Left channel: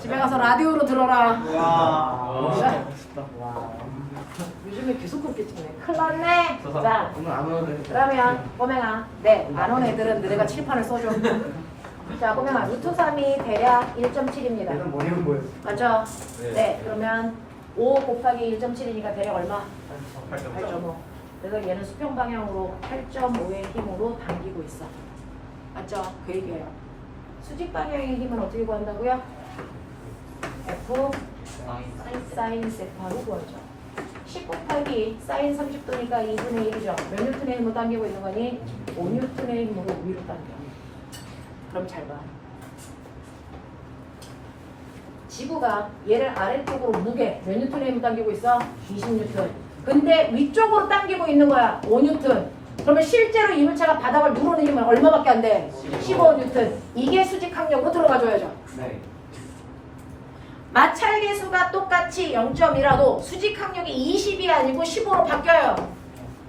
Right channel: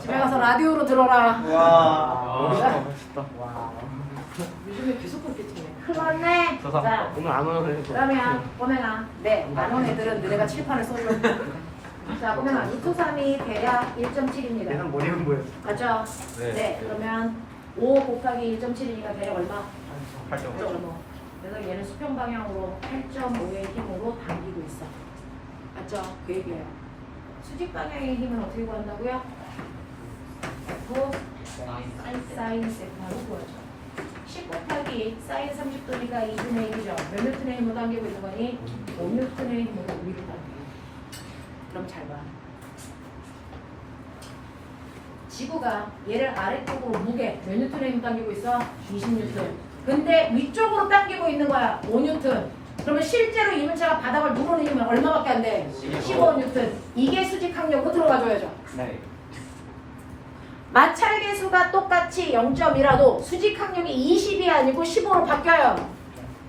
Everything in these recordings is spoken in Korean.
집에 가서 라디오로 들어라. 멋있다. 요즘에 계속 그렇겠지 뭐. 큰일 났네. 자, 오늘 안 오는 그러면 꼬맹아, 네, 안 온 애들은 너네가 칠판을 써줘. 자, 꼬맹아, 루트 3이 대략 1.7입니다. 얘는 머리는 뭐예요? 맞죠? 네, 그러면 5 곱하기 1.7이니까 대략 얼마? 8.5. 그래서 얘는 수평 방향으로 8.5의 힘으로 당기고 있어. 맞죠? 그 얘기예요. 수직 방향의 힘은 어떻게 구한다고요? F 사인 세타로 구하죠. 10 곱하기 사인 30도니까 2분의 1이죠. 몇 뉴턴의 힘을 당기고 있는 거니? 5뉴턴의 힘으로 위로 당겨. 그럼 잘 봐. 지구가 얘를 아래쪽으로 무게 몇 뉴턴의 힘을 당기고 있어? 20뉴턴. 근데 위쪽으로 당기고 있는 거야. 5뉴턴. 그러면 실제로 이물체가 바닥을 누르는 힘은 얼마밖에 안 돼? 15뉴턴. 이게 수직 항력으로 들어가줘야죠. 네. 마찰계수가 똑같이 0.이라도 수직 항력이 20이 아니고 15로 바뀌어요.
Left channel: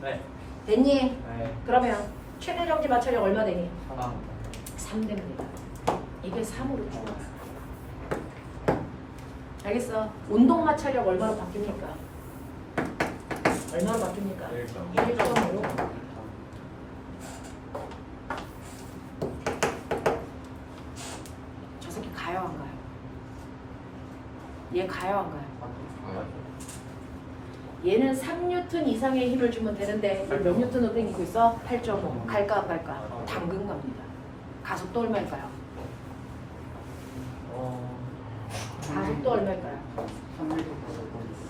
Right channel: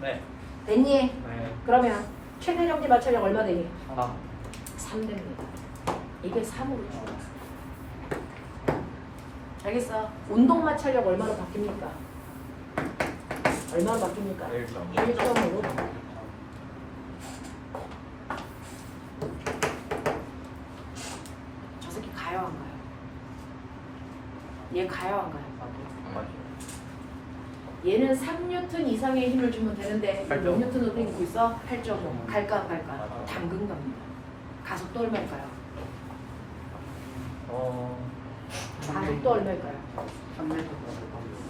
네. 됐니? 네. 그러면 최대 정지 마찰력 얼마 되니? 하나. 3 됩니다. 이게 3으로 줄어요. 알겠어? 운동 마찰력 얼마로 바뀝니까? 얼마로 바뀝니까? 1.5로. 저 새끼 가요 안 가요? 얘 가요 안 가요? 얘는 3뉴턴 이상의 힘을 주면 되는데 얘 몇 뉴턴으로 당기고 있어? 8.5. 갈까 안 갈까? 당근 갑니다. 가속도 얼마일까요? 가속도 얼마일까요?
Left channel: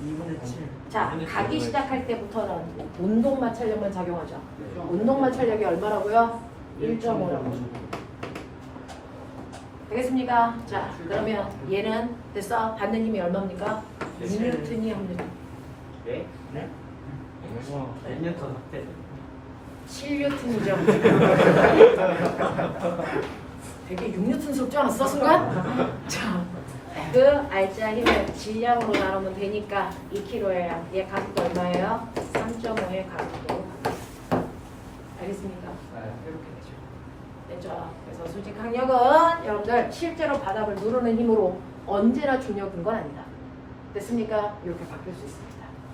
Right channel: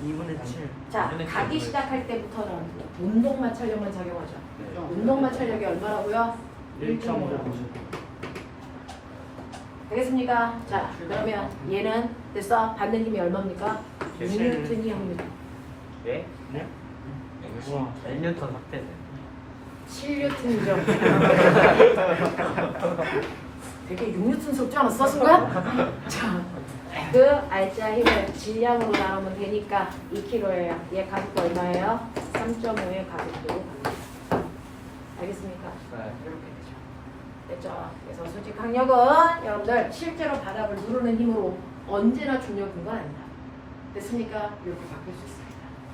2분의 7. 자, 가기 시작할 때부터는 운동 마찰력만 작용하죠. 운동 마찰력이 얼마라고요? 1.5. 되겠습니까? 자, 그러면 얘는 됐어? 받는 힘이 얼마입니까? 6뉴턴이 0뉴턴. 네? 네? 우와. 몇 뉴턴 확대? 7뉴턴이죠. 되게 6뉴턴 속지 않았어, 순간? 자, 그 알짜 힘을 질량으로 나누면 되니까 2kg예요. 얘 가격도 얼마예요? 3.5의 가격도. 알겠습니까? 됐죠? 그래서 수직 항력은 여러분들 실제로 바닥을 누르는 힘으로 언제나 중력인 건 아니다. 됐습니까? 이렇게 바뀔 수 있습니다.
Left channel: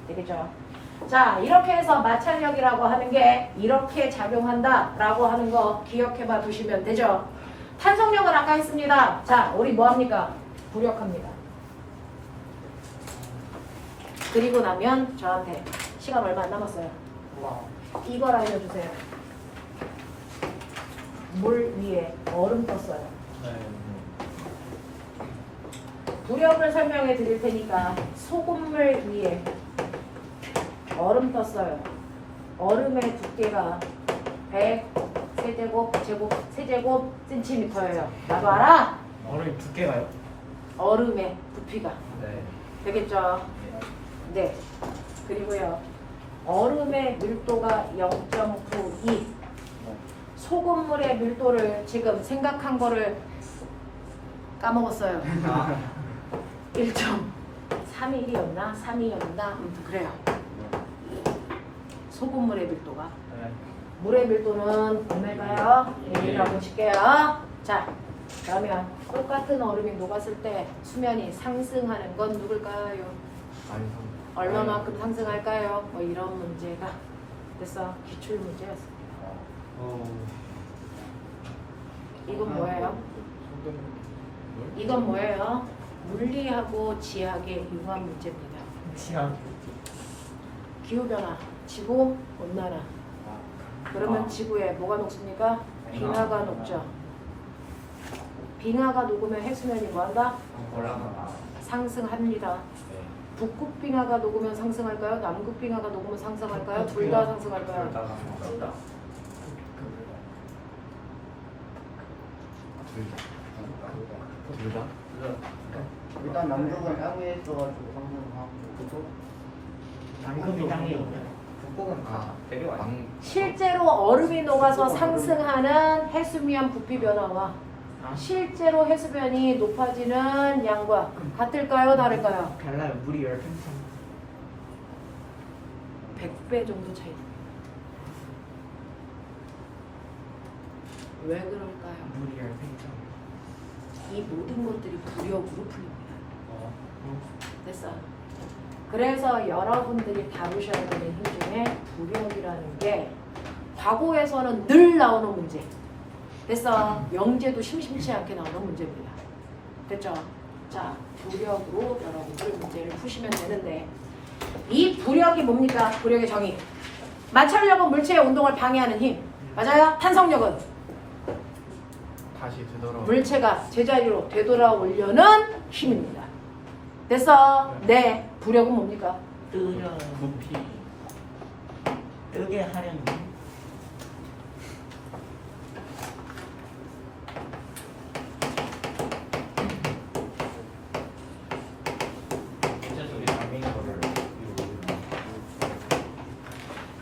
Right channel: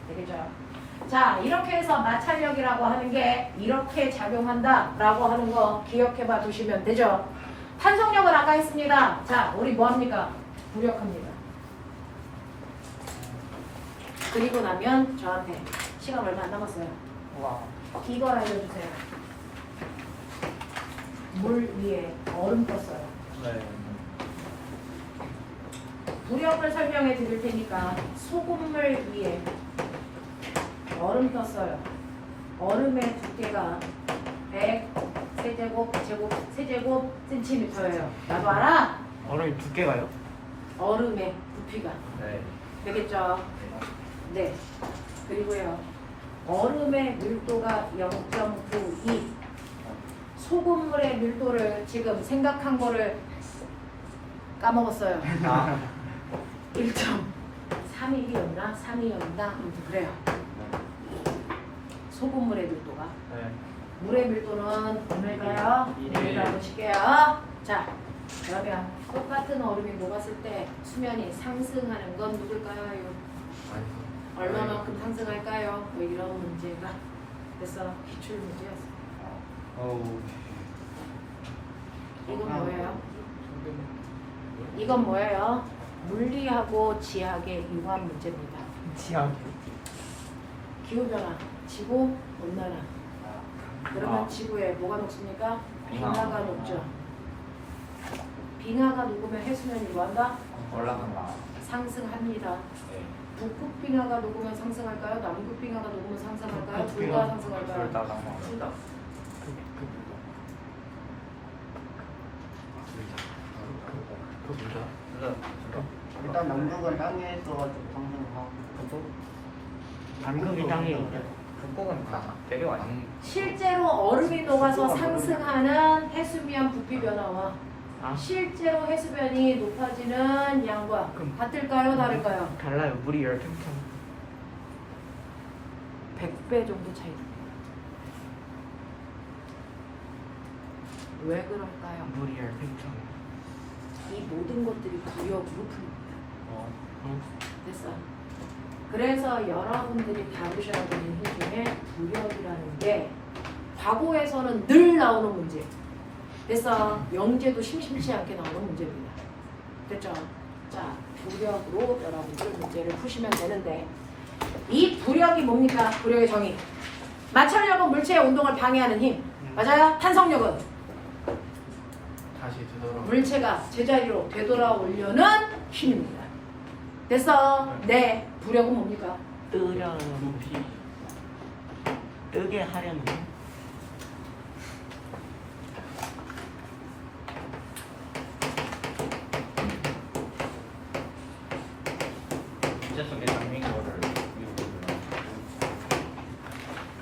되겠죠? 자, 이렇게 해서 마찰력이라고 하는 게 이렇게 작용한다라고 하는 거 기억해봐 두시면 되죠? 탄성력은 아까 했습니다. 자, 우리 뭐합니까? 부력합니다. 그리고 나면 저한테 시간 얼마 안 남았어요. 이걸 알려주세요. 물 위에 얼음 떴어요. 부력을 설명해 드릴 테니까 소금물 위에 얼음 떴어요. 얼음의 두께가 100 세제곱 센티미터예요. 나도 알아? 얼음이 두께가요? 얼음의 부피가. 네. 되겠죠? 네. 그리고요. 얼음의 밀도가 0.92. 소금물의 밀도를 지금 생각한 거를 까먹었어요. 1.32였나? 3이었나? 그래요. 소금물의 밀도가. 네. 물의 밀도는 얼마일까요? 네, 보실게요. 자, 그러면 똑같은 얼음이 녹았을 때 수면이 상승하는 건 누굴까요? 얼마만큼 상승할까요? 뭐 이런 문제가 그래서 기출 문제였습니다. 이건 뭐예요? 이건 뭐예요? 물리하고 지학의 융합 문제입니다. 지하. 기후변화, 지구 온난화. 그러면 지구에 뭐가 녹습니까? 빙하가 녹죠. 빙하가 녹으면 해수면이 뭐한다? 상승합니다. 북극 빙하가 녹으면 상승할까요? 남극 빙하가 녹으면 상승할까요? 둘 다 상승할까요? 둘 다. 일단 남극은 땅에 있어가지고 상승하고 남극이 땅에 있냐? 실제로 얼음이 녹아서 상승하는 해수면 부피 변화와 실제로 해수면이 높아지는 양과 같을까요? 다를까요? 달라요. 물이 10팽창. 100배 정도 차이. 왜 그럴까요? 물이 10팽창. 이 모든 것들이 부력으로 풀립니다. 됐어. 그래서 여러분들이 다루셔야 되는 힘 중에 부력이라는 게 과거에서는 늘 나오는 문제. 됐어. 영재도 심심치 않게 나오는 문제입니다. 됐죠? 자, 부력으로 여러분들 문제를 푸시면 되는데 이 부력이 뭡니까? 부력의 정의. 마찰력은 물체의 운동을 방해하는 힘. 맞아요? 탄성력은 다시 되돌아. 물체가 제자리로 되돌아오려는 힘입니다. 됐어? 네. 부력은 뭡니까? 높이. 뜨게 하려는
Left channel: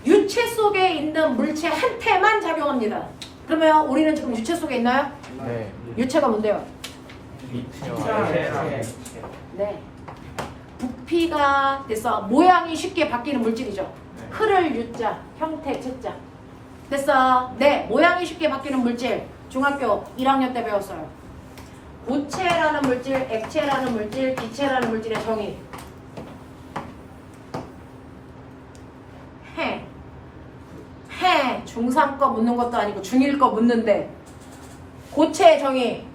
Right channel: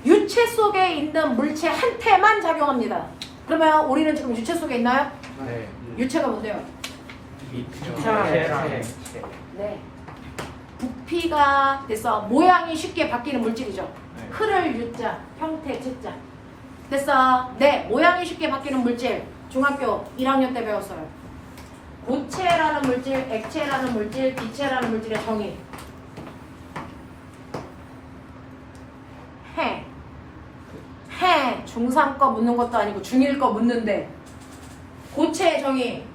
유체 속에 있는 물체 한테만 작용합니다. 그러면 우리는 지금 유체 속에 있나요? 네. 유체가 뭔데요? 이차에 네. 부피가 됐어. 모양이 쉽게 바뀌는 물질이죠. 흐를 유자, 형태 채자. 됐어. 네. 모양이 쉽게 바뀌는 물질. 중학교 1학년 때 배웠어요. 고체라는 물질, 액체라는 물질, 기체라는 물질의 정의. 해. 중3 거 묻는 것도 아니고 중1 거 묻는데. 고체의 정의.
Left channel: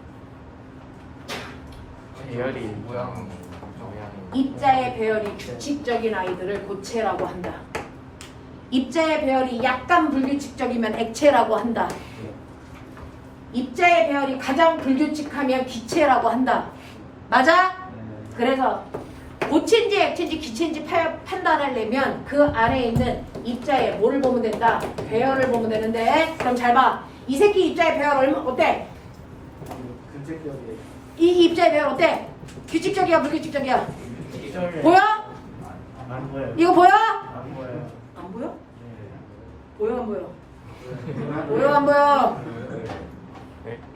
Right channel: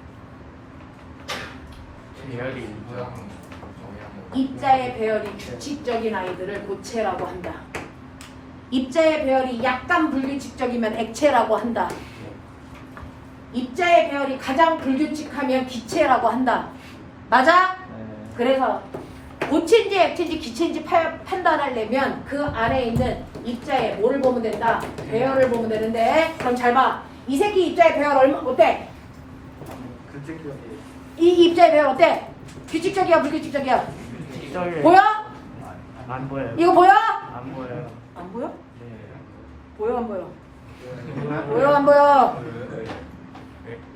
배열이 모양. 입자의 배열이 규칙적인 아이들을 고체라고 한다. 입자의 배열이 약간 불규칙적이면 액체라고 한다. 입자의 배열이 가장 불규칙하면 기체라고 한다. 맞아? 그래서 고체인지 액체인지 기체인지 판단하려면 그 안에 있는 입자의 뭐를 보면 된다? 배열을 보면 되는데 그럼 잘 봐. 이 새끼 입자의 배열 얼마 어때? 규칙적이 이 입자의 배열 어때? 규칙적이야 불규칙적이야? 보여? 안 보여요. 이거 보여? 안 보여요. 안 보여? 네. 보여 안 보여? 보여 안 보여?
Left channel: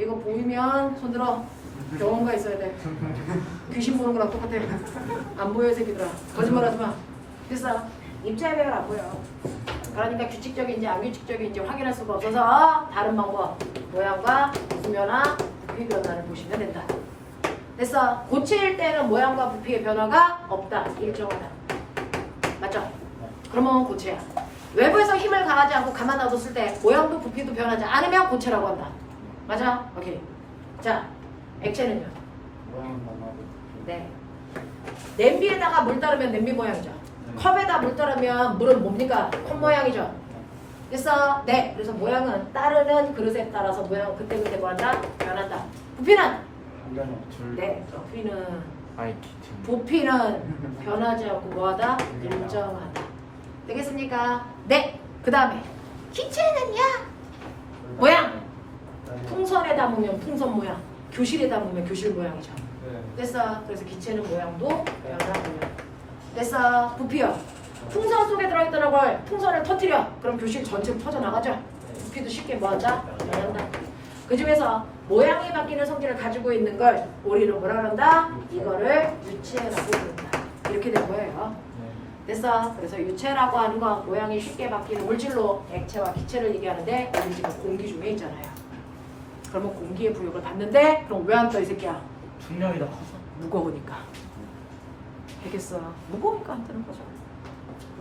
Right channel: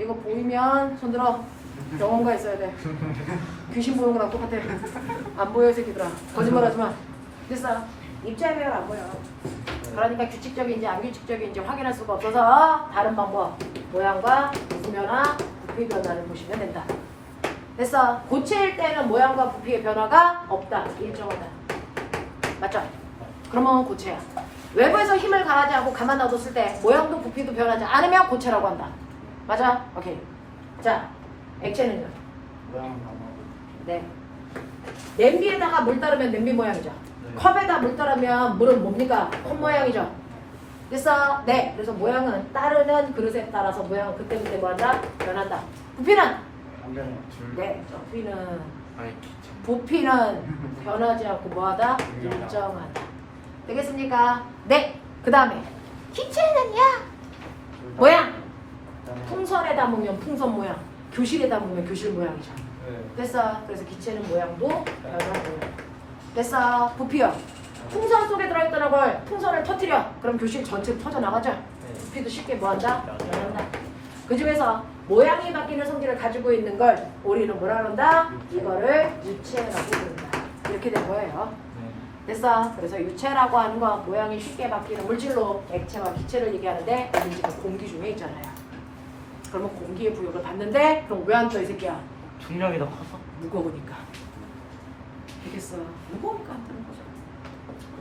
이거 보이면 손들어. 병원가 있어야 돼. 귀신 보는 거랑 똑같아. 안 보여 이 새끼들아. 거짓말하지 마. 됐어. 입자의 배열 안 보여. 그러니까 규칙적인지 안 규칙적인지 확인할 수가 없어서 다른 방법 모양과 부피변화, 부피 변화를 보시면 된다. 됐어. 고체일 때는 모양과 부피의 변화가 없다. 일정하다. 맞죠? 그러면 고체야. 외부에서 힘을 가하지 않고 가만 놔뒀을 때 모양도 부피도 변하지 않으면 고체라고 한다. 맞아? 오케이. 자, 액체는요? 모양은 변하고. 네. 냄비에다가 물 따르면 냄비 모양이죠. 컵에다 물 따르면 물은 뭡니까? 컵 모양이죠. 됐어? 네. 그래서 모양은 따르는 그릇에 따라서 모양은 그때그때 뭐한다? 변한다. 부피는? 안 변해요. 네. 부피는 마이키. 부피는 변하지 않고 뭐하다? 일정하다. 되겠습니까? 네. 그 다음에 기체는요? 모양. 풍선에 담으면 풍선 모양, 교실에 담으면 교실 모양이죠. 됐어. 그래서 기체는 모양도 변하고요. 됐어. 부피요. 풍선 속에 들어있던 걸 풍선을 터뜨려. 그럼 교실 전체로 퍼져나가죠. 부피도 쉽게 뭐한다? 변한다. 그 중에서 모양이 바뀌는 성질을 가지고 있는 걸 우리는 뭐라 그런다? 이거를 유체라고 부른다. 이렇게 된 거예요. 됐어. 그래서 유체라고 하는 건 모양이 쉽게 바뀌는 물질로 액체와 기체를 얘기하는데 우리 지금 공기 중에 있잖아요. 그러면 공기의 부력을 받는데 그럼 왜 안 떠 이 새끼야? 중력이 더 커서? 무거우니까. 알겠어. 무거우니까 안 뜨는 거죠.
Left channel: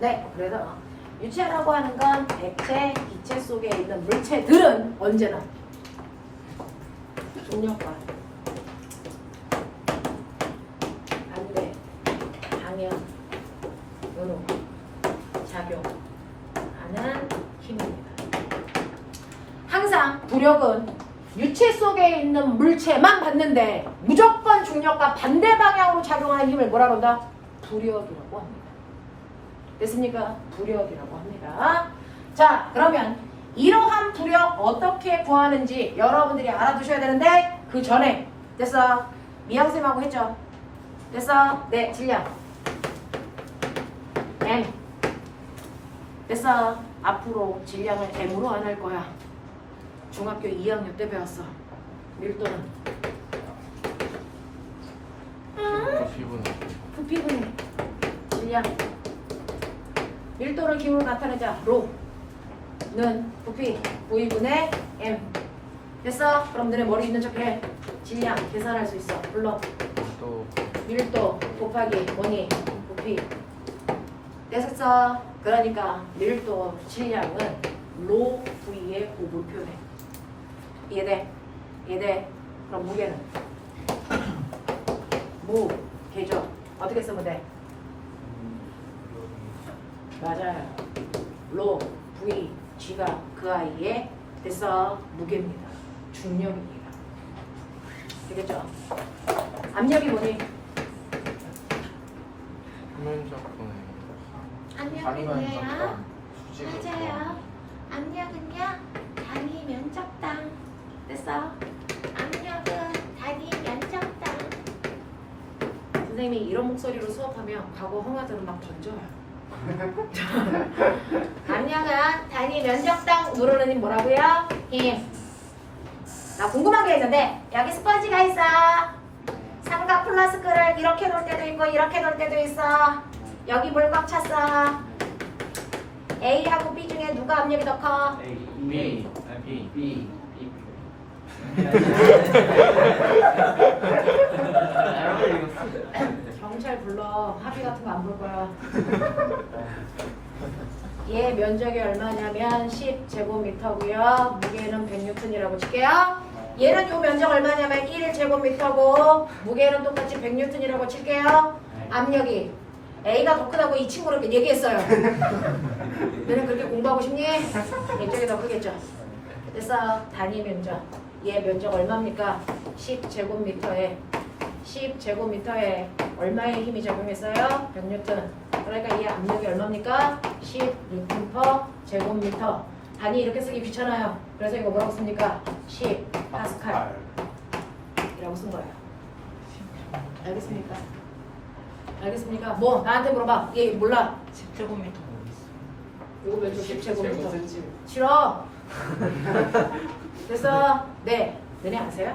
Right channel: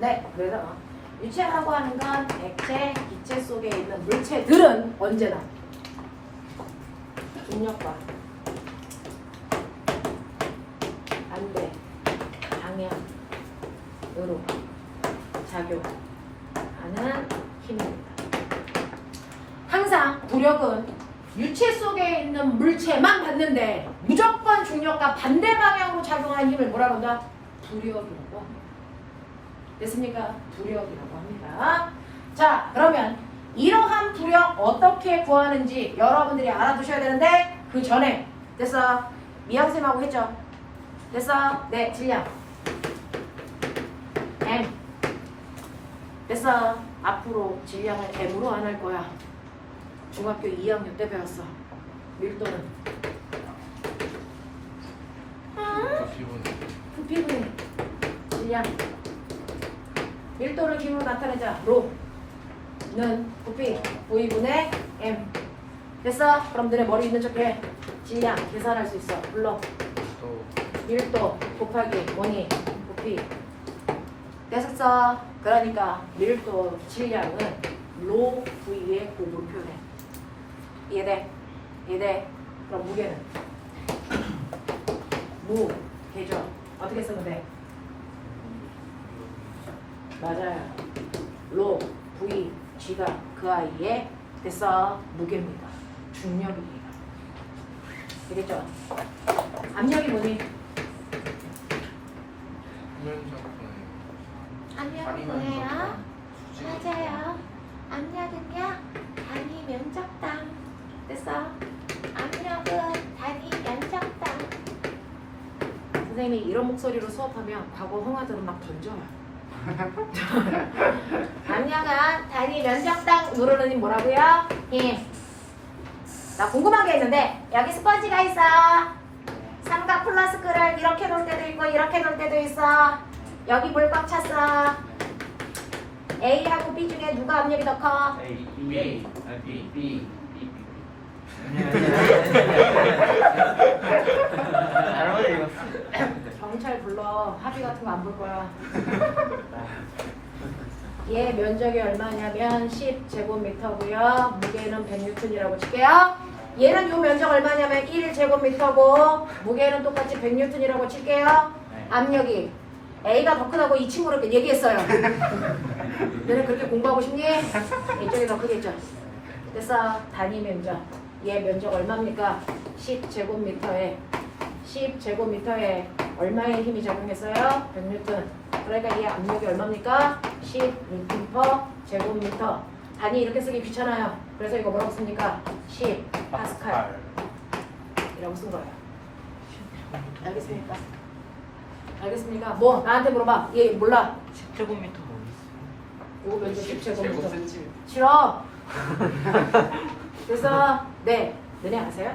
네. 그래서 유체라고 하는 건 액체, 기체 속에 있는 물체들은 언제나 중력과 반대 방향으로 작용하는 힘입니다. 항상 부력은 유체 속에 있는 물체만 받는데 무조건 중력과 반대 방향으로 작용하는 힘을 뭐라 그런다? 부력이라고 합니다. 됐습니까? 부력이라고 합니다. 자, 그러면 이러한 부력 어떻게 구하는지 여러분들이 알아두셔야 되는데 그 전에 됐어? 미양쌤하고 했죠? 됐어? 네, 질량 M 됐어? 앞으로 질량을 M으로 안 할 거야. 중학교 2학년 때 배웠어. 밀도는 부피분의 질량 밀도를 기호로 나타내자. 로는 부피 V분의 M 됐어? 그럼 너네 머리 있는 척해. 질량 계산할 수 있어. 불러. 또 밀도 곱하기 뭐니? 부피. 됐었어. 그러니까 밀도 질량은 로 V의 곱을 표현해. 이해돼? 이해돼? 그럼 무게는? 무게죠. 어떻게 쓰면 돼? 맞아요. 로 V G가 그 아이의 됐어. 무게입니다. 중력이에요. 되겠죠? 압력이 뭐니? 압력은 뭐예요? 맞아요. 압력은요, 단위 면적당. 됐어? 압력은 단위 면적당. 선생님이 이런 목소리로 수업하면 과거 홍아들은 막 던져요. 압력은 단위 면적당 누르는 힘 뭐라고요? 힘. 나 궁금한 게 있는데 여기 스펀지가 있어. 삼각 플라스크를 이렇게 놓을 때도 있고 이렇게 놓을 때도 있어. 여기 물 꽉 찼어. A하고 B 중에 누가 압력이 더 커? B B 경찰 불러. 합의 같은 거 안 볼 거야. 얘 면적이 얼마냐면 10제곱미터고요. 무게는 100N이라고 칠게요. 얘는 요 면적 얼마냐면 1제곱미터고 무게는 똑같이 100N이라고 칠게요. 압력이 A가 더 크다고 이 친구를 얘기했어요. 너는 그렇게 공부하고 싶니? 이쪽이 더 크겠죠. 됐어. 단위 면적. 얘 면적 얼마입니까? 10제곱미터에 얼마의 힘이 적용했어요? 100N. 그러니까 얘 압력이 얼마입니까? 10N per 제곱미터. 단위 이렇게 쓰기 귀찮아요. 그래서 이거 뭐라고 씁니까? 10파스칼. 이라고 쓴 거예요. 알겠습니까? 알겠습니까? 뭐? 나한테 물어봐. 얘 몰라. 10제곱미터 어디 있어? 요거 면적 10제곱미터. 싫어. 그래서 네. 너네 아세요?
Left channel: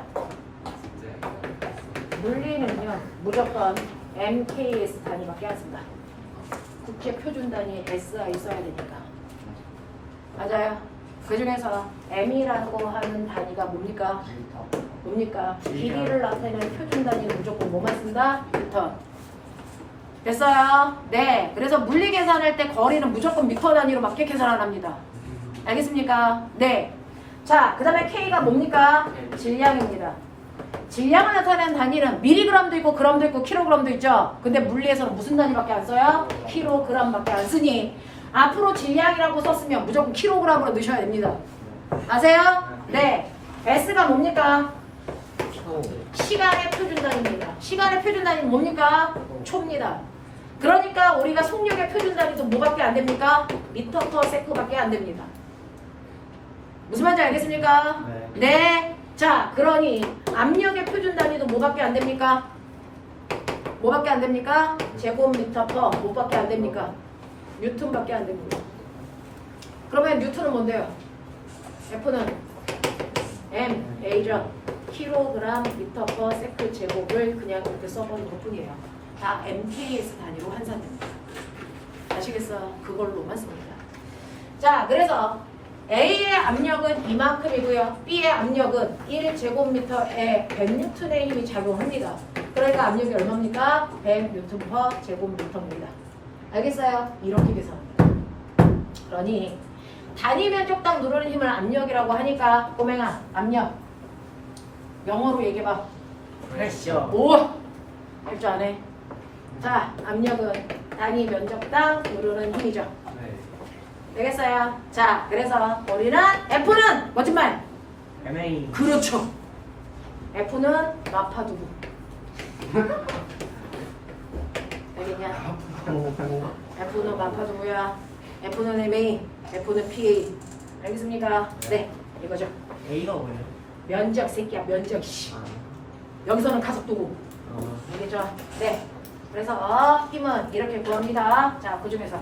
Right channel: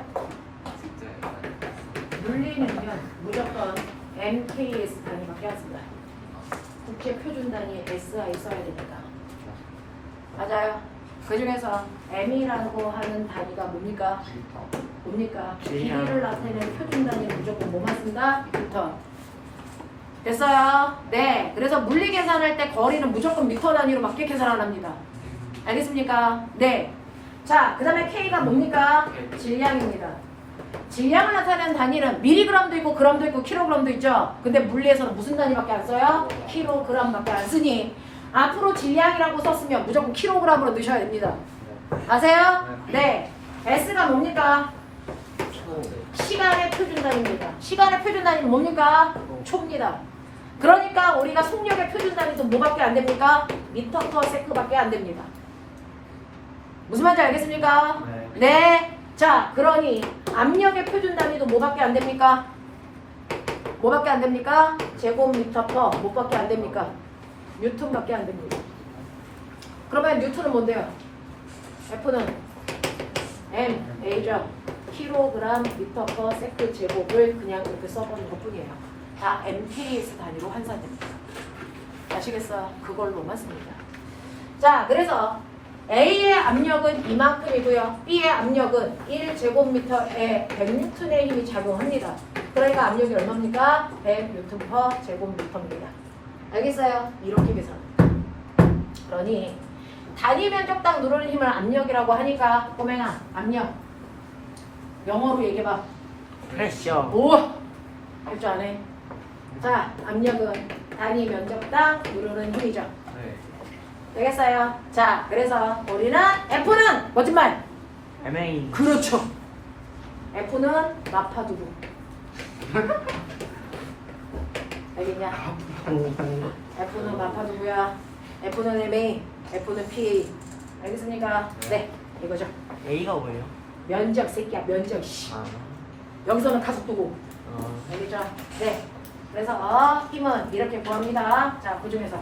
물리는요 무조건 MKS 단위밖에 안 씁니다. 국제 표준 단위 SI 써야 되니까. 맞아요. 그 중에서 M이라고 하는 단위가 뭡니까? 뭡니까? 길이를 나타내는 표준 단위는 무조건 뭐만 쓴다? 미터. 됐어요? 네. 그래서 물리 계산할 때 거리는 무조건 미터 단위로밖에 계산 안 합니다. 알겠습니까? 네. 자, 그 다음에 K가 뭡니까? 질량입니다. 질량을 나타내는 단위는 미리그램도 있고 그램도 있고 킬로그램도 있죠. 근데 물리에서는 무슨 단위밖에 안 써요? 킬로그램밖에 안 쓰니 앞으로 질량이라고 썼으면 무조건 킬로그램으로 넣으셔야 됩니다. 아세요? 네. S가 뭡니까? 시간의 표준 단위입니다. 시간의 표준 단위는 뭡니까? 초입니다. 그러니까 우리가 속력의 표준 단위도 뭐밖에 안 됩니까? 미터 퍼 세크밖에 안 됩니다. 무슨 말인지 알겠습니까? 네. 자, 그러니 압력의 표준 단위도 뭐밖에 안 됩니까? 뭐밖에 안 됩니까? 제곱미터 퍼 뭐밖에 안 됩니까? 뉴턴밖에 안 됩니다. 그러면 뉴턴은 뭔데요? F는 MA죠. 킬로그램 미터 퍼 세크 제곱을 그냥 이렇게 써버린 것 뿐이에요. 다 MKS 단위로 환산됩니다. 아시겠어요? 그걸로만 씁니다. 자, 그래서 A의 압력은 이만큼이고요. B의 압력은 1제곱미터에 100N의 힘이 작용합니다. 그러니까 압력이 얼마입니까? 100N per 제곱미터입니다. 알겠어요? 이렇게 계산합니다. 그러니 단위 면적당 누르는 힘을 압력이라고 하니까 꼬맹아, 압력 영어로 얘기해봐. 프레셔. 오! 할 줄 아네. 자, 압력은 단위 면적당 누르는 힘이죠. 되겠어요? 자, 그래서 우리는 F는 멋진 말. MA. 그렇죠. F는 마파두부. 알겠냐? F는 마파두부야. F는 MA, F는 PA. 알겠습니까? 네, 이거죠. A가 뭐예요? 면적 새끼야, 면적. 씨. 아. 여기서는 가속도고. 알겠죠? 네. 그래서 힘은 이렇게 구합니다. 자, 그 중에서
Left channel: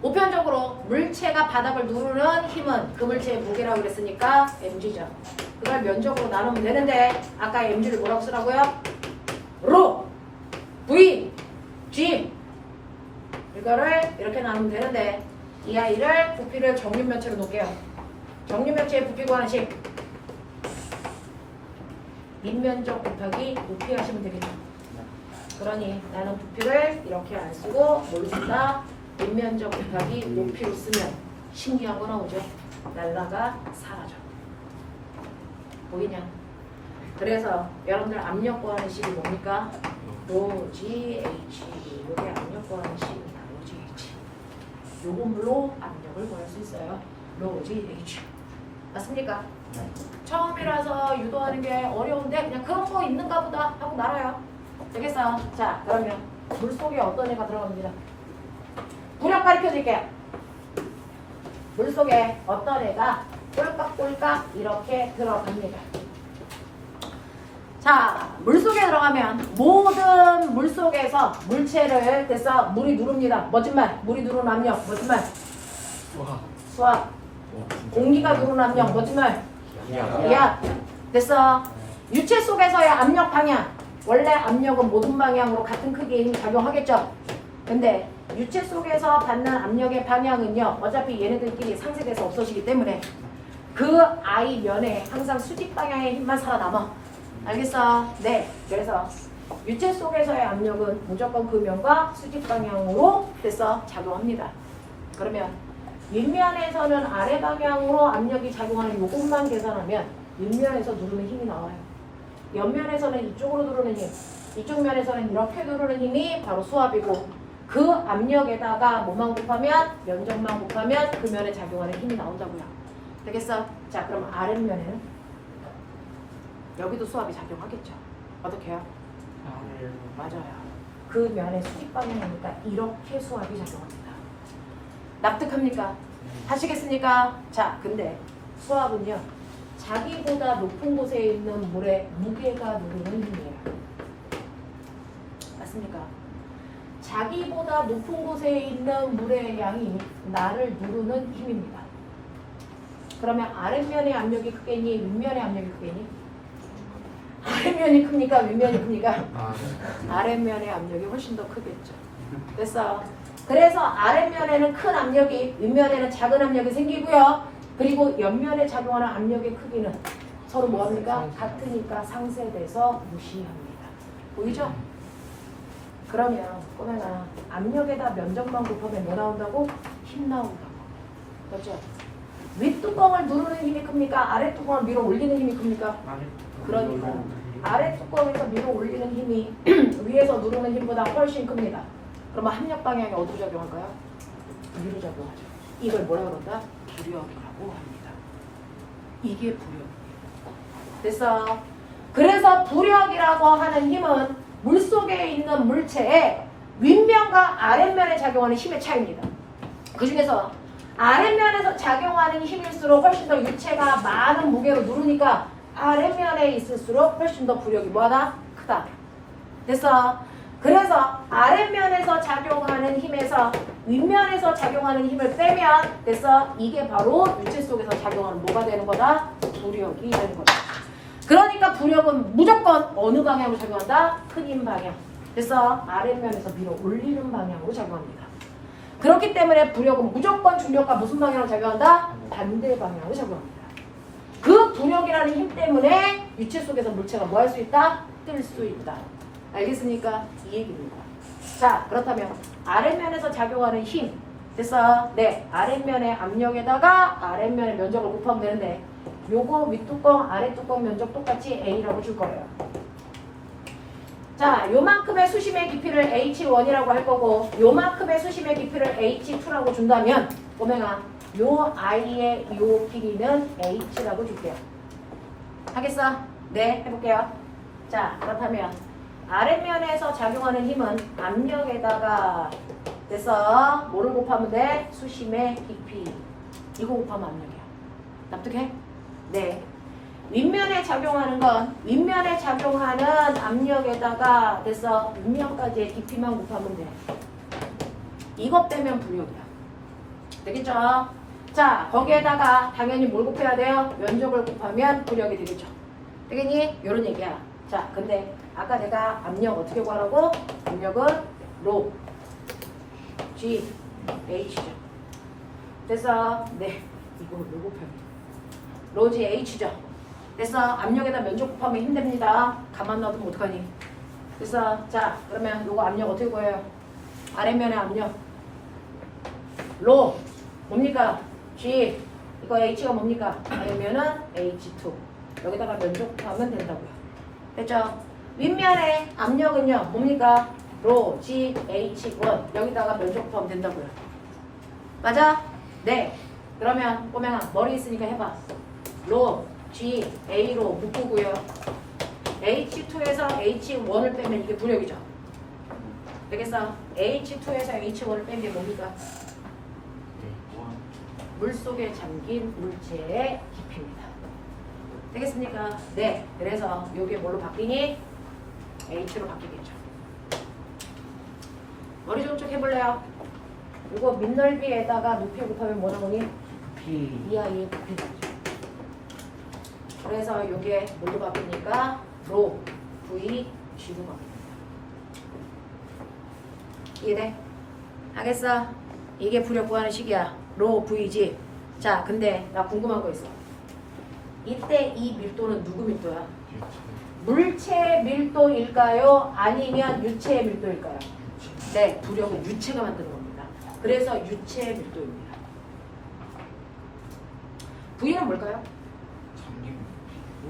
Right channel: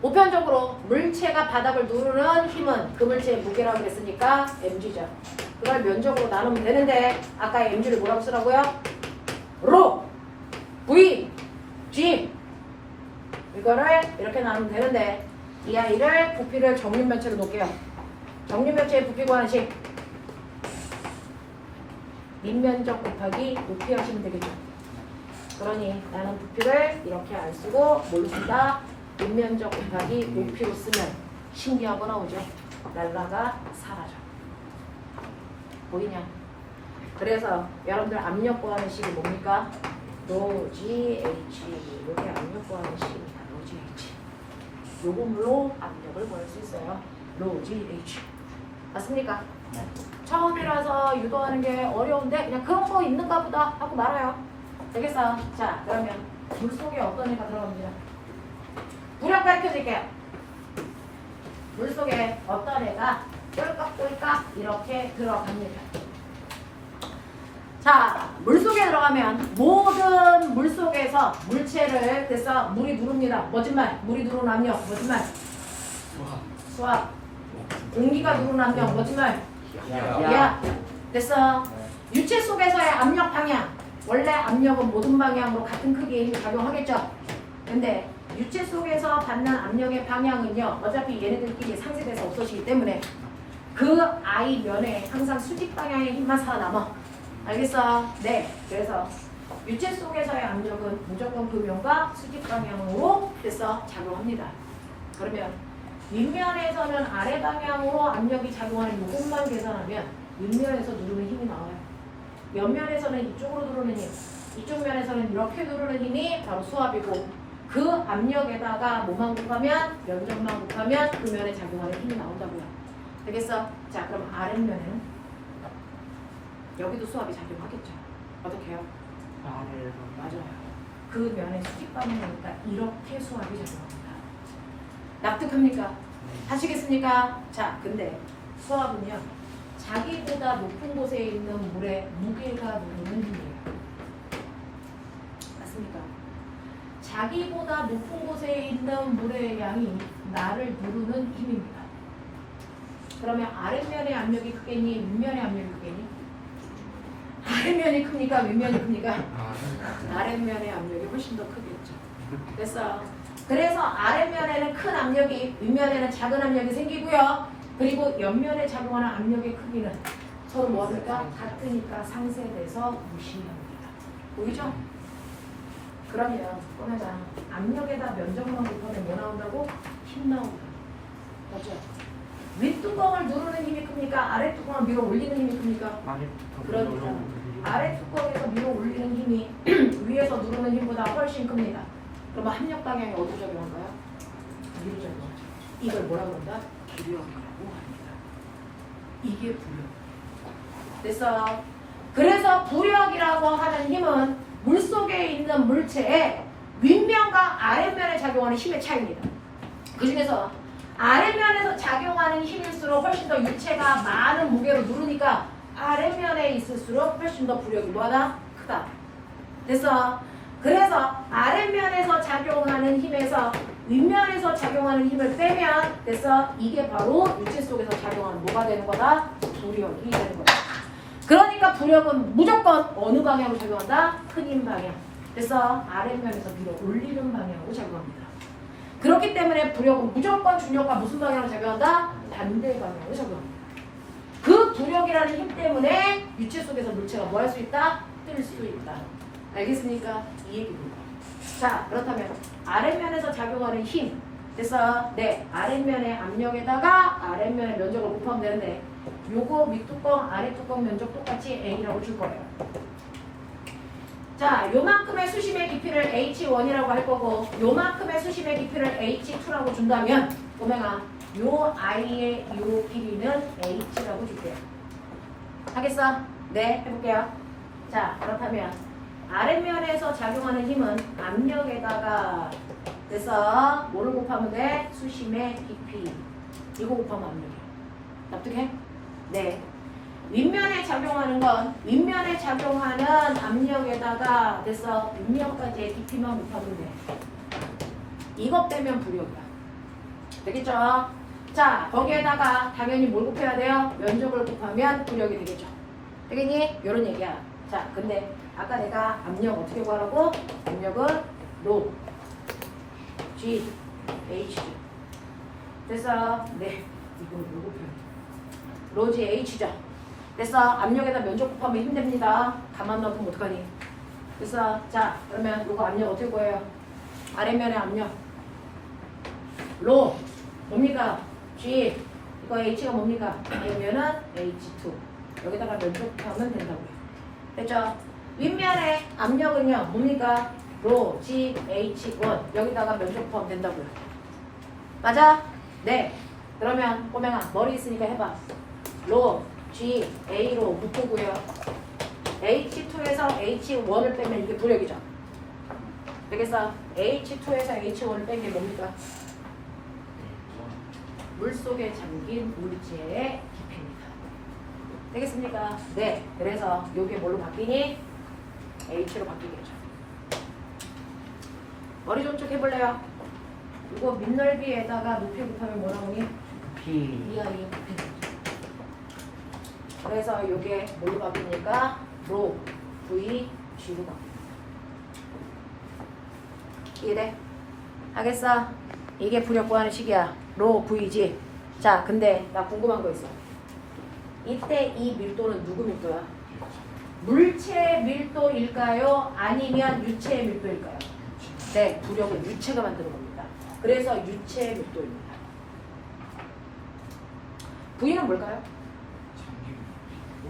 보편적으로 물체가 바닥을 누르는 힘은 그 물체의 무게라고 그랬으니까 mg죠. 그걸 면적으로 나누면 되는데 아까 mg를 뭐라고 쓰라고요? 로 v g 이거를 이렇게 나누면 되는데 이 아이를 부피를 정육면체로 놓을게요. 정육면체의 부피 구하는 식 인면적 곱하기 높이 하시면 되겠죠. 그러니 나는 부피를 이렇게 안 쓰고 뭘로 쓴다? 인면적 곱하기 높이로 쓰면 신기한 거 나오죠. 날라가 사라져. 보이냐? 그래서 여러분들 압력 구하는 식이 뭡니까? 로 G H. 이게 압력 구하는 식입니다. 로 G H. 요금으로 압력을 구할 수 있어요. 로 G H. 맞습니까? 처음이라서 유도하는 게 어려운데 그냥 그런 거 있는가 보다 하고 말아요. 되겠어요? 자, 그러면 물속에 어떤 애가 들어갑니다. 무력 가르쳐줄게요. 물속에 어떤 애가 꼴깍꼴깍 이렇게 들어갑니다. 자, 물속에 들어가면 모든 물속에서 물체를 그래서 물이 누릅니다. 멋진 말. 물이 누르는 압력. 멋진 말. 수압. 공기가 누르는 압력. 멋진 말. 야. 됐어. 유체 속에서의 압력 방향. 원래 압력은 모든 방향으로 같은 크기의 힘이 작용하겠죠. 근데 유체 속에서 받는 압력의 방향은요. 어차피 얘네들끼리 상쇄돼서 없어지기 때문에 그 I 면에 항상 수직 방향의 힘만 살아남아. 알겠어? 네. 그래서 유체 속에서의 압력은 무조건 그 면과 수직 방향으로 됐어 작용합니다. 그러면 윗면에서는 아래 방향으로 압력이 작용하는 요것만 계산하면 윗면에서 누르는 힘이 나와요. 옆면에서는 이쪽으로 누르는 힘, 이쪽 면에서는 이렇게 누르는 힘이 바로 수압이고 그 압력에다가 뭐만 곱하면 면적만 곱하면 그 면에 작용하는 힘이 나온다고요. 되겠어? 자, 그럼 아랫면은 여기도 수압이 작용하겠죠. 어떻게 해요? 맞아요. 그 면의 수직 방향이니까 이렇게 수압이 작용합니다. 납득합니까? 하시겠습니까? 자, 근데 수압은요. 자기보다 높은 곳에 있는 물에 무게가 누르는 힘이에요. 맞습니까? 자기보다 높은 곳에 있는 물의 양이 나를 누르는 힘입니다. 그러면 아랫면의 압력이 크겠니? 윗면의 압력이 크겠니? 아랫면이 큽니까? 윗면이 큽니까? 아랫면의 압력이 훨씬 더 크겠죠. 됐어. 그래서 아랫면에는 큰 압력이, 윗면에는 작은 압력이 생기고요. 그리고 옆면에 작용하는 압력의 크기는 서로 뭐합니까? 같으니까 상쇄돼서 무시합니다. 보이죠? 그러면 꼬매가 압력에다 면적만 곱하면 뭐 나온다고? 힘 나온다고. 그렇죠? 윗뚜껑을 누르는 힘이 큽니까? 아랫뚜껑을 밀어 올리는 힘이 큽니까? 그러니까 아랫뚜껑에서 밀어 올리는 힘이 위에서 누르는 힘보다 훨씬 큽니다. 그러면 합력 방향이 어디로 작용할까요? 위로 작용하죠. 이걸 뭐라 그런다? 부력이라고 합니다. 이게 부력. 됐어. 그래서 부력이라고 하는 힘은 물속에 있는 물체의 윗면과 아랫면에 작용하는 힘의 차이입니다. 그 중에서 아랫면에서 작용하는 힘일수록 훨씬 더 유체가 많은 무게로 누르니까 아랫면에 있을수록 훨씬 더 부력이 뭐하다? 크다. 됐어. 그래서 아랫면에서 작용하는 힘에서 윗면에서 작용하는 힘을 빼면 됐어. 이게 바로 유체 속에서 작용하는 뭐가 되는 거다? 부력이 되는 거다. 그러니까 부력은 무조건 어느 방향으로 작용한다? 큰 힘 방향. 됐어. 아랫면에서 밀어 올리는 방향으로 작용합니다. 그렇기 때문에 부력은 무조건 중력과 무슨 방향으로 작용한다? 반대 방향으로 작용합니다. 그 부력이라는 힘 때문에 유체 속에서 물체가 뭐 할 수 있다? 뜰 수 있다. 알겠습니까? 이 얘기입니다. 자, 그렇다면 아랫면에서 작용하는 힘 됐어? 네, 아랫면의 압력에다가 아랫면의 면적을 곱하면 되는데 요거 윗뚜껑, 아랫뚜껑 면적 똑같이 A라고 줄 거예요. 자, 요만큼의 수심의 깊이를 H1이라고 할 거고 요만큼의 수심의 깊이를 H2라고 준다면 오메가 요 I의 요 길이는 H라고 줄게요. 하겠어? 네, 해볼게요. 자, 그렇다면 아랫면에서 작용하는 힘은 압력에다가 그래서 뭐를 곱하면 돼? 수심의 깊이. 이거 곱하면 압력이야. 납득해? 네. 윗면에 작용하는 건 윗면에 작용하는 압력에다가 됐어. 윗면까지의 깊이만 곱하면 돼. 이것 빼면 부력이야. 되겠죠? 자, 거기에다가 당연히 뭘 곱해야 돼요? 면적을 곱하면 부력이 되겠죠. 되겠니? 요런 얘기야. 자, 근데 아까 내가 압력 어떻게 구하라고? 압력은 로 G H죠. 됐어? 네. 이거 로 곱하면 로 G H죠. 됐어. 압력에다 면적 곱하면 힘듭니다. 가만 놔두면 어떡하니? 됐어. 자, 그러면 요거 압력 어떻게 구해요? 아래면의 압력. 로 뭡니까? G. 이거 H가 뭡니까? 아래면은 H2. 여기다가 면적 곱하면 된다고요. 됐죠? 윗면의 압력은요. 뭡니까? 로 G H1. 여기다가 면적 곱하면 된다고요. 맞아? 네. 그러면 꼬맹아 머리 있으니까 해봐. 로 G A로 묶고요. H2에서 H1을 빼면 이게 부력이죠. 되겠어? H2에서 H1을 뺀 게 뭡니까? 물속에 잠긴 물체의 깊이입니다. 되겠습니까? 네. 그래서 이게 뭘로 바뀌니? H로 바뀌겠죠. 머리 좀 쭉 해볼래요? 이거 밑넓이에다가 높이 곱하면 뭐 나오니? B. 이하이 높이 나오죠. 그래서 이게 뭘로 바뀝니까? 로 V G로 바뀝니다. 이해돼? 하겠어? 이게 부력 구하는 식이야. 로 V G. 자, 근데 나 궁금한 거 있어. 이때 이 밀도는 누구 밀도야? 물체의 밀도일까요? 아니면 유체의 밀도일까요? 네, 부력은 유체가 만드는 겁니다. 그래서 유체의 밀도입니다. V는 뭘까요?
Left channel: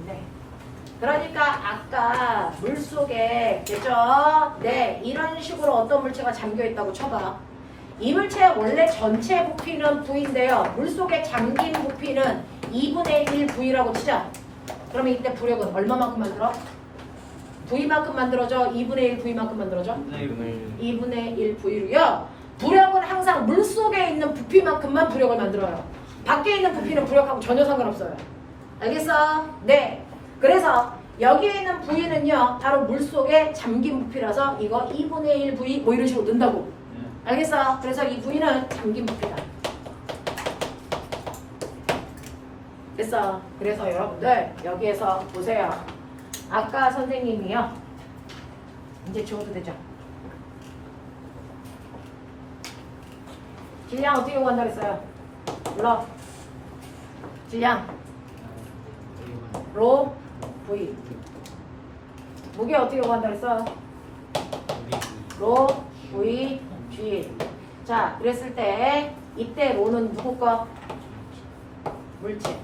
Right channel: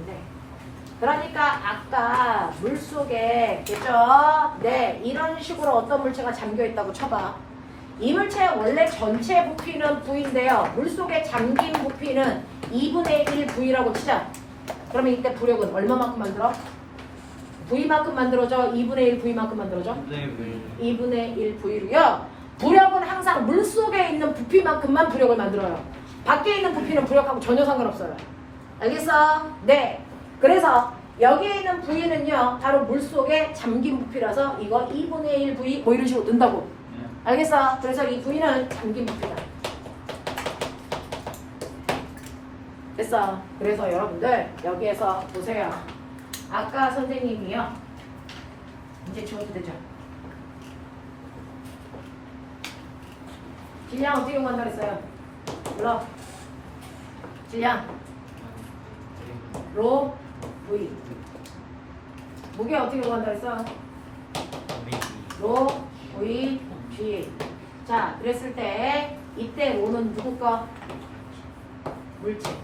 네. 그러니까 아까 물속에 됐죠? 네, 이런 식으로 어떤 물체가 잠겨 있다고 쳐봐. 이 물체의 원래 전체 부피는 V인데요. 물속에 잠긴 부피는 2분의 1 V라고 치자. 그러면 이때 부력은 얼마만큼 만들어? V만큼 만들어져? 2분의 1 V만큼 만들어져? 2분의 1 V로요. 부력은 항상 물속에 있는 부피만큼만 부력을 만들어요. 밖에 있는 부피는 부력하고 전혀 상관없어요. 알겠어? 네. 그래서 여기에 있는 V는요. 바로 물속에 잠긴 부피라서 이거 2분의 1 V 뭐 이런 식으로 넣는다고. 알겠어? 그래서 이 V는 잠긴 부피다. 됐어? 그래서 여러분들 여기에서 보세요. 아까 선생님이요. 이제 지워도 되죠? 질량 어떻게 구한다 그랬어요? 불러. 질량. 로 V. 무게 어떻게 구한다 그랬어? 로 V G. 자, 그랬을 때 이때 로는 누구 거? 물체.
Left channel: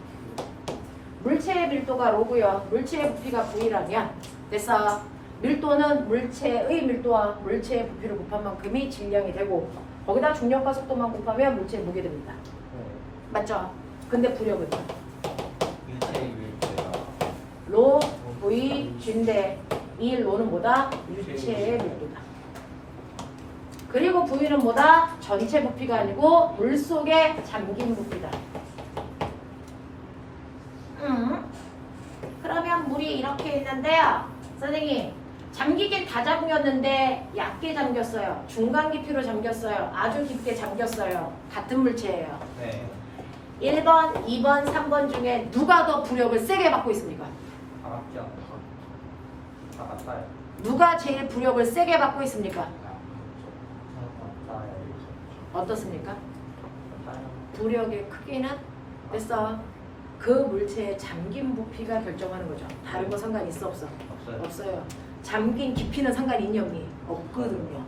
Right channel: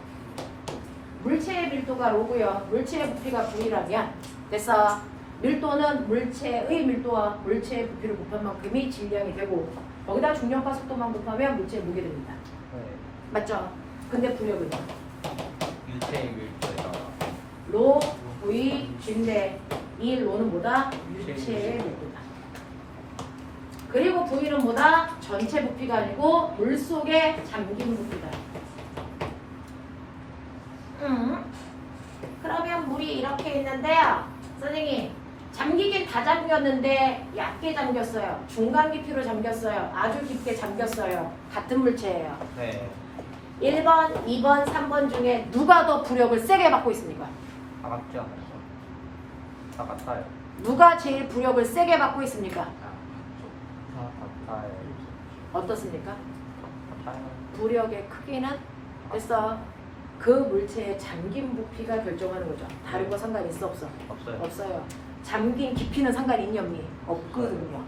물체의 밀도가 로고요. 물체의 부피가 V라면 됐어. 밀도는 물체의 밀도와 물체의 부피를 곱한 만큼이 질량이 되고 거기다 중력과 속도만 곱하면 물체의 무게 됩니다. 맞죠? 근데 부력은요? 로 V G인데 이 로는 뭐다? 유체의 밀도다. 그리고 V는 뭐다? 전체 부피가 아니고 물속에 잠긴 부피다. 그러면 물이 이렇게 있는데요. 선생님, 잠기긴 다 잠겼는데 얕게 잠겼어요. 중간 깊이로 잠겼어요. 아주 깊게 잠겼어요. 같은 물체예요. 네. 1번, 2번, 3번 중에 누가 더 부력을 세게 받고 있습니까? 다 맞지 않아요? 다 맞아요. 누가 제일 부력을 세게 받고 있습니까? 어떻습니까? 부력의 크기는 됐어. 그 물체의 잠긴 부피가 결정하는 거죠. 다른 거 상관이 있어 없어? 없어요. 없어요. 잠긴 깊이는 상관이 있니 없니? 없거든요.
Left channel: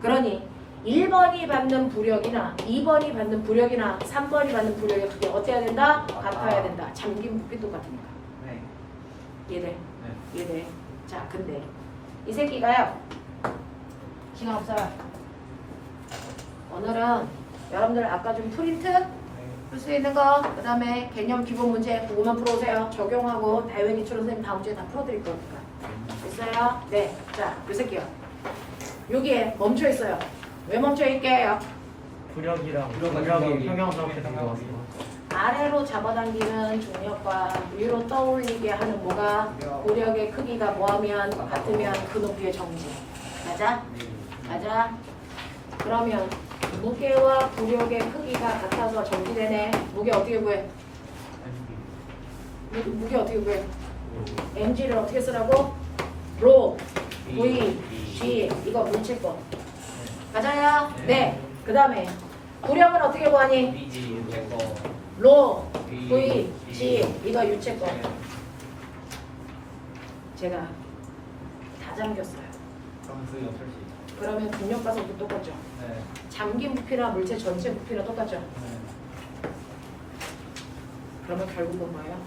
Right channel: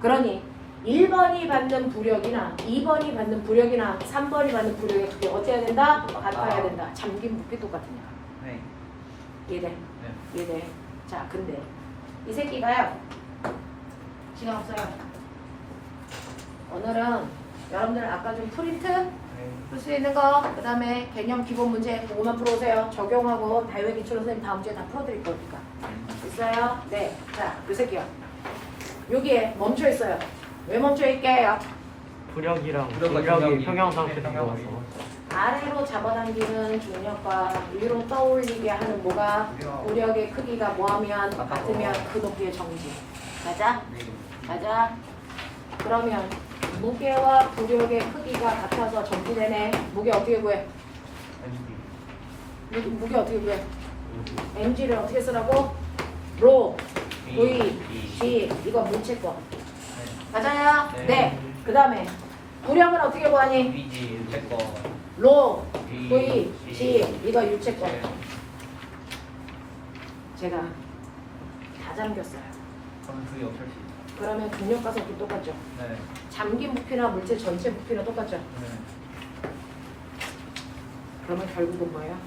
그러니 1번이 받는 부력이나 2번이 받는 부력이나 3번이 받는 부력의 크기 어때야 된다? 같아야 된다. 잠긴 부피 똑같으니까. 네. 이해돼? 네. 이해돼? 자, 근데 이 새끼가요. 시간 없어요. 오늘은 여러분들 아까 좀 프린트 풀 수 있는 거, 그 다음에 개념 기본 문제 그거만 풀어오세요. 적용하고 대외 기출 선생님 다음 주에 다 풀어드릴 거니까. 됐어요? 네. 자, 요 새끼요. 여기에 멈춰 있어요. 왜 멈춰 있게요? 부력이랑 부력이 중력이 평형 상태 들어와서 아래로 잡아당기는 중력과 위로 떠올리게 하는 뭐가 부력의 크기가 뭐하면 같으면 그 높이의 정지. 맞아? 맞아? 그러면 무게와 부력의 크기가 같아서 정지되네. 무게 어떻게 구해? 무게 어떻게 구해? NG를 어떻게 쓰라고? 로, V, G. 이거 물체 거. 맞아요? 네. 그 다음에 부력은 어떻게 구하니? 위지, 제거. 로, V, G. 이거 유체 거. 제가 다 잠겼어요. 그럼 그게 어떨 수 있죠? 그러면 중력 가속도 똑같죠. 네. 잠긴 부피나 물체 전체 부피나 똑같죠. 네. 그러면 결국은 뭐예요?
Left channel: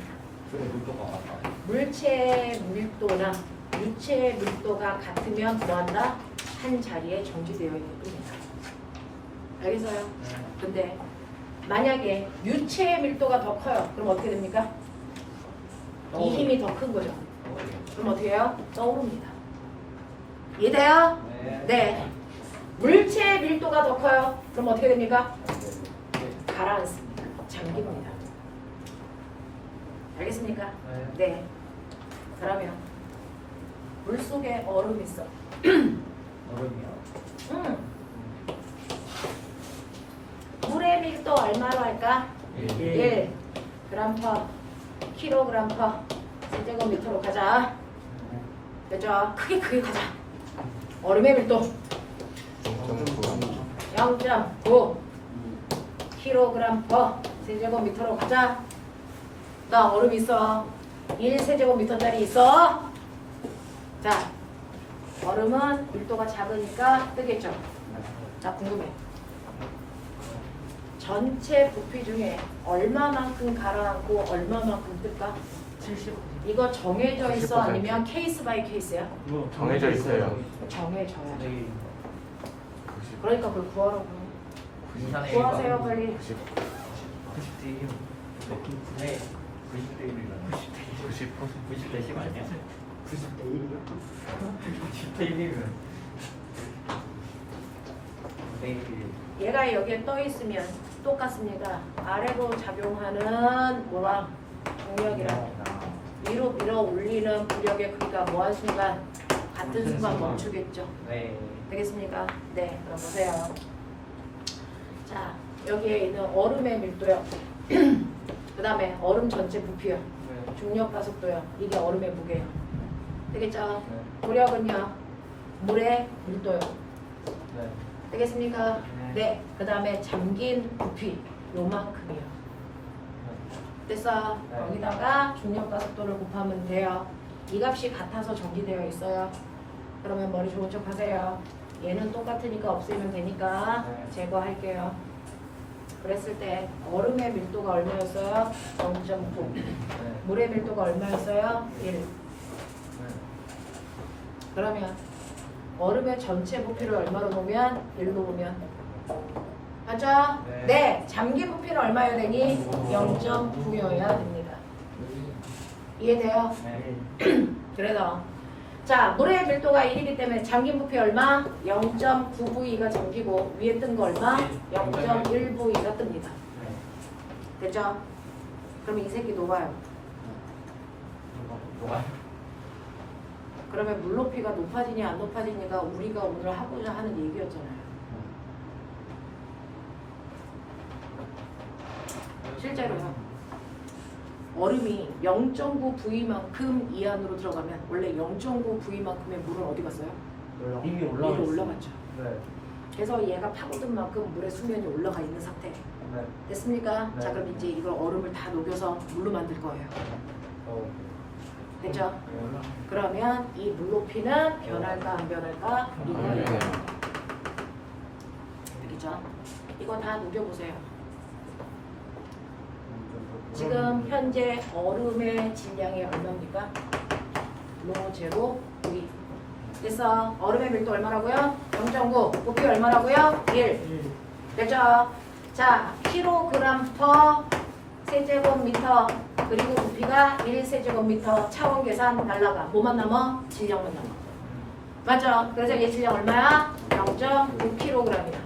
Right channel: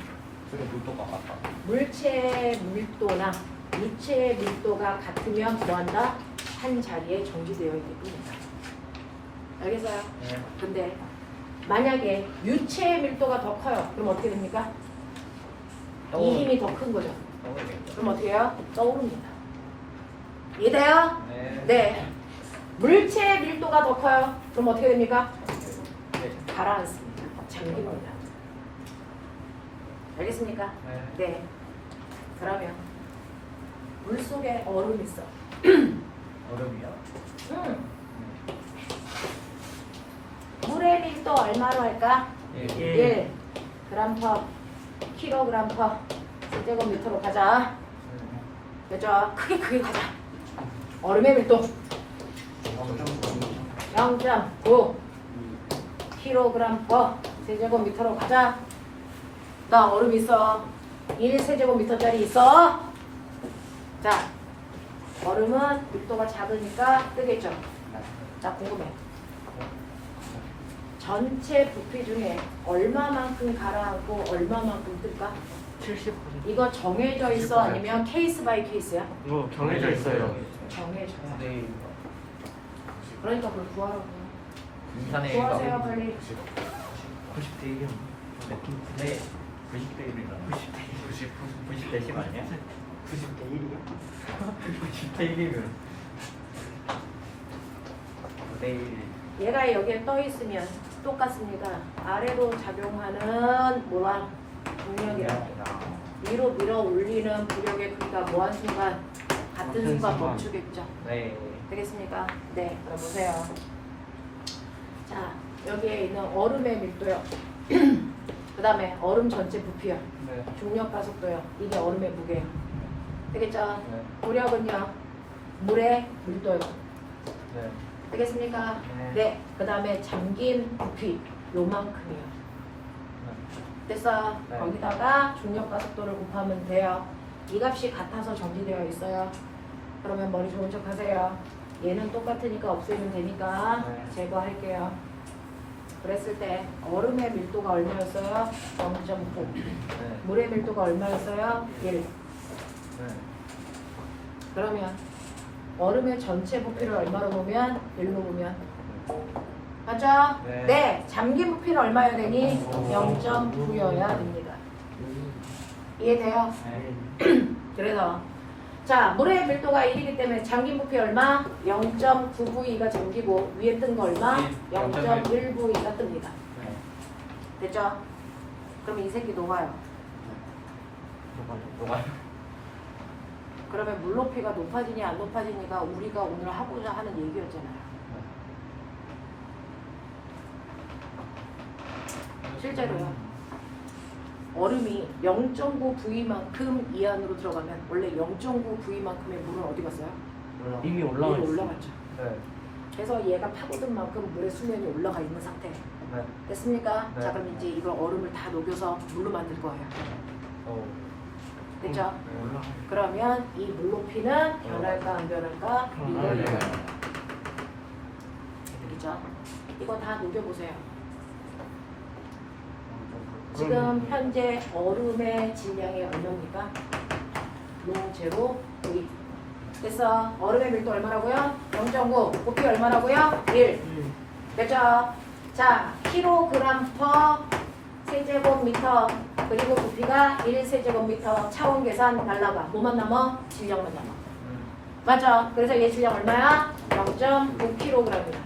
그게 밀도가 같아. 물체 밀도나 유체 밀도가 같으면 뭐한다? 한 자리에 정지되어 있는 뿐이다. 알겠어요? 네. 근데 만약에 유체 밀도가 더 커요. 그럼 어떻게 됩니까? 이 힘이 더 큰 거죠. 그럼 어떻게 해요? 떠오릅니다. 이해돼요? 네. 네. 물체 밀도가 더 커요. 그럼 어떻게 됩니까? 네. 가라앉습니다. 잠깁니다. 알겠습니까? 네. 네. 그러면 물 속에 얼음 있어. 얼음이요. 물의 밀도 얼마로 할까? 예. 1 그램 퍼 킬로그램 퍼 세제곱미터로 가자. 그죠? 크게 가자. 얼음의 밀도 0.9 킬로그램 퍼 세제곱미터로 가자. 나 얼음 있어. 1세제곱미터짜리 있어. 자, 얼음은 밀도가 작으니까 뜨겠죠. 나 궁금해. 전체 부피 중에 얼마만큼 가라앉고 얼마만큼 뜰까? 70%. 이거 정해져 있어? 아니면 케이스 바이 케이스야? 이거 정해져 있어요. 정해져야 돼. 네. 그러니까 그걸 구하라고. 인산의 구하세요 빨리. 90대 1이요. 네. 90대 1이잖아. 90대 10 아니야? 90대 1이요? 90대 1이면 내일 얘가 여기에 떠 있으면 똑같습니다. 아래로 작용하는 뭐랑 중력이랑 위로 밀어 올리는 부력의 크기가 뭐한 순간 같은 순간 멈추겠죠. 네. 되겠습니까? 네, 그럼 보세요. 자, 여기에 있는 얼음의 밀도요. 그 다음에 얼음 전체 부피요. 네. 중력 가속도요. 이게 얼음의 무게요. 되겠죠? 네. 부력은요. 물의 밀도요. 네. 되겠습니까? 네. 네. 그 다음에 잠긴 부피 요만큼이요. 됐어? 네. 거기다가 중력 가속도를 곱하면 돼요. 이 값이 같아서 정지되어 있어요. 그러면 머리 좋은 척 하세요. 얘는 똑같으니까 없애면 되니까 네. 제거할게요. 그랬을 때 얼음의 밀도가 얼마였어요? 0.9. 네. 물의 밀도가 얼마였어요? 1. 그러면 얼음의 전체 부피를 얼마로 보면 1로 보면 맞죠? 네. 네. 잠긴 부피는 얼마여야 되니? 0.9여야 됩니다. 이해돼요? 네. 그래서 자 물의 밀도가 1이기 때문에 잠긴 부피 얼마? 0.9V가 잠기고 위에 뜬 거 얼마? 0.1V가 뜹니다. 됐죠? 그럼 이 새끼 녹아요. 그러면 물 높이가 높아지니 안 높아지니가 우리가 오늘 하고자 하는 얘기였잖아요. 실제로요. 얼음이 0.9V만큼 이 안으로 들어가면 원래 0.9V만큼의 물은 어디 갔어요? 이미 위로 올라왔어요. 올라갔죠. 네. 그래서 얘가 파고든 만큼 물의 수면이 올라가 있는 상태. 네. 됐습니까? 네. 자 그럼 이제 이걸 얼음을 다 녹여서 물로 만들 거예요. 됐죠? 그러면 이 물 높이는 변할까 안 변할까? 이거 되겠죠? 이거 다 녹여보세요. 지금 현재 얼음의 질량이 얼마입니까? 로 제로 V. 됐어. 얼음의 밀도 얼마라고요? 0.9. 부피 얼마라고요? 1. 됐죠? 자, 킬로그램 퍼 세제곱미터 그리고 부피가 1세제곱미터 차원 계산 날라가. 뭐만 남아? 질량만 남아. 맞죠? 그래서 얘 질량 얼마야? 0.9kg이야.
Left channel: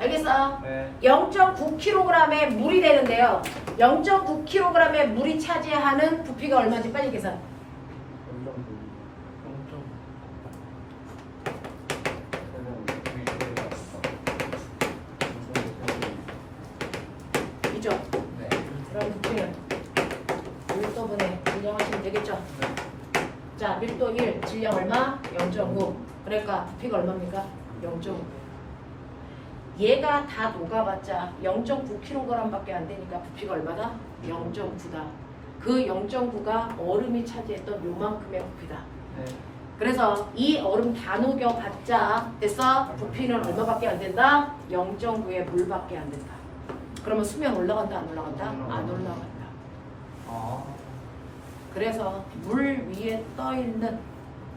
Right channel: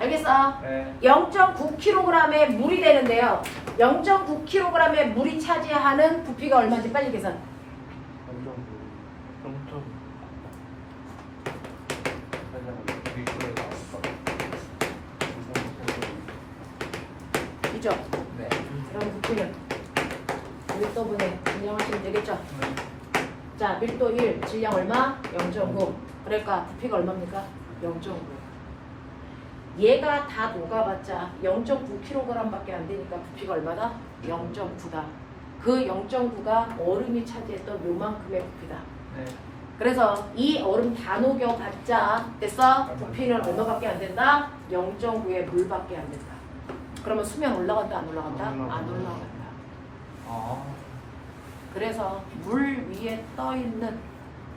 알겠어? 네. 0.9kg의 물이 되는데요. 0.9kg의 물이 차지하는 부피가 얼마인지 빨리 계산. 2죠? 네. 그럼 부피는 밀도분의 질량 하시면 되겠죠? 자, 밀도 1, 질량 얼마? 0.9. 그러니까 부피가 얼마입니까? 0.9. 얘가 다 녹아봤자 0.9kg 밖에 안 되니까 부피가 얼마다? 0.9다. 그 0.9가 얼음이 차지했던 요만큼의 부피다. 네. 그래서 이 얼음 다 녹여봤자 됐어? 부피는 얼마밖에 안 된다? 0.9의 물밖에 안 된다. 그러면 수면 올라간다 안 올라간다? 안 올라간다. 그래서 물 위에 떠 있는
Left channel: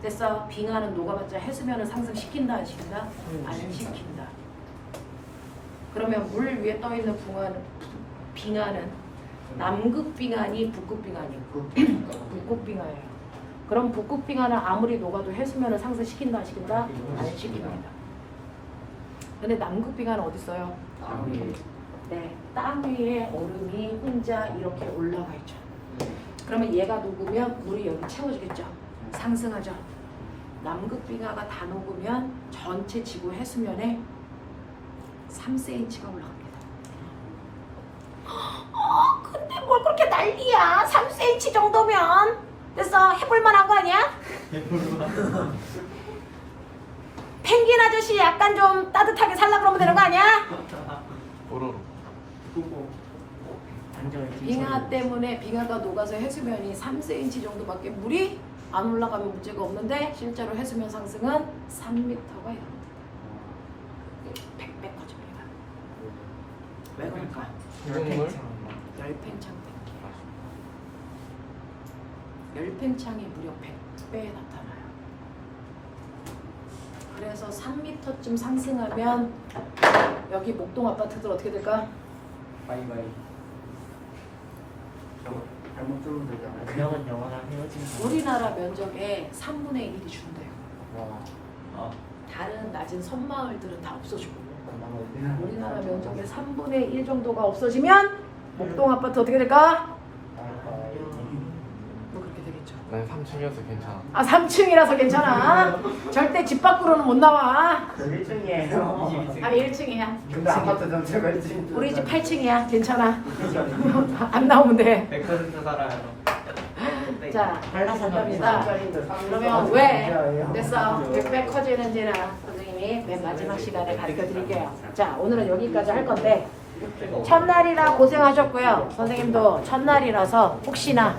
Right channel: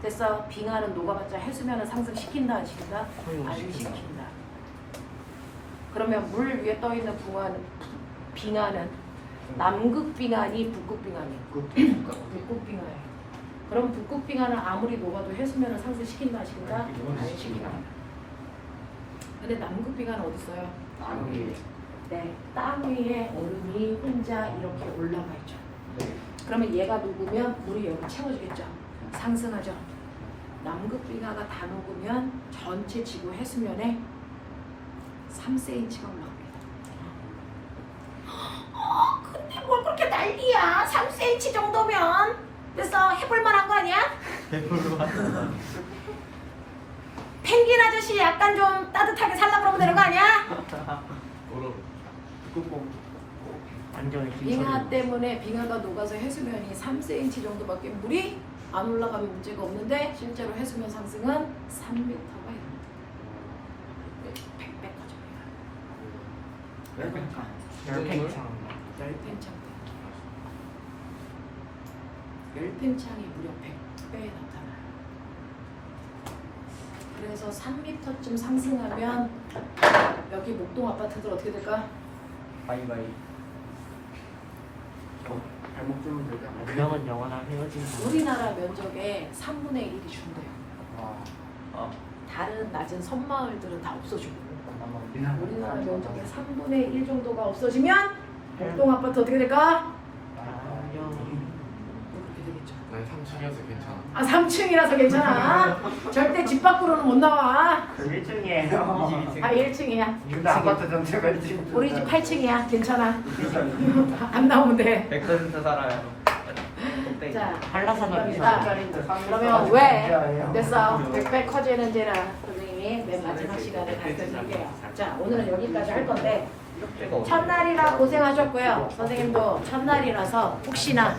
됐어? 빙하는 녹아봤자 해수면을 상승시킨다 안 시킨다? 안 시킨다. 그러면 물 위에 떠 있는 빙하는 남극 빙하니 북극 빙하니? 북극 빙하예요. 그럼 북극 빙하는 아무리 녹아도 해수면을 상승시킨다 안 시킨다? 안 시킨다. 근데 남극 빙하는 어디 있어요? 네, 땅 위에 얼음이 혼자 이렇게 올라가 있죠. 그러면 얘가 녹으면 물이 여기 채워지겠죠. 상승하죠. 남극 빙하가 다 녹으면 전체 지구 해수면에 3cm가 올라갑니다. 근데 뭘 그렇게 난리야? 3cm 정도면 됐어. 해볼만한 거 아니야? 펭귄 아저씨 약간 좀 따뜻하게 살라 그러면 되는 거 아니야? 안정의 빙하 때문에 빙하가 녹아서 해수면이 3cm 정도밖에 물이 안 올라가면 문제가 없는데 실제로 해수면 상승은 3m가 이릅니다. 100배 커집니다. 왜 그럴까? 열팽창. 열팽창이 무려 100배에 나타나요. 그래서 3m쯤 상승하면 여기 목동 아파트들 어떻게 될까? 발목 좀 되잖아요. 그러면 영원한 헤어진다. 우리나라 면적의 3분의 1이 준대요. 다른 낮은 섬마을들은 다 없어지고 우리나라 면적의 3분의 1 정도가 없어지면 목동 아파트 어떻게 될까? 그렇게 되겠죠. 난 3층이어서 괜찮아. 아 3층이라서 괜찮아. 절대 집 밖으로는 못 나와. 1층이에요. 아 1층이야. 근데 아파트 전체가 1층. 우리 집 8층이야. 괜찮아. 안 나오면 돼. 100% 살아요. 자, 한라산입니다. 그러면 왜 됐어? 100배 커지는지는 선생님이 맨 마지막 시간에 가르쳐드릴게요. 자, 오늘은 여기까지 할 건데 첫날이라 고생하셨고요. 선생님도 첫날이라서 혹시나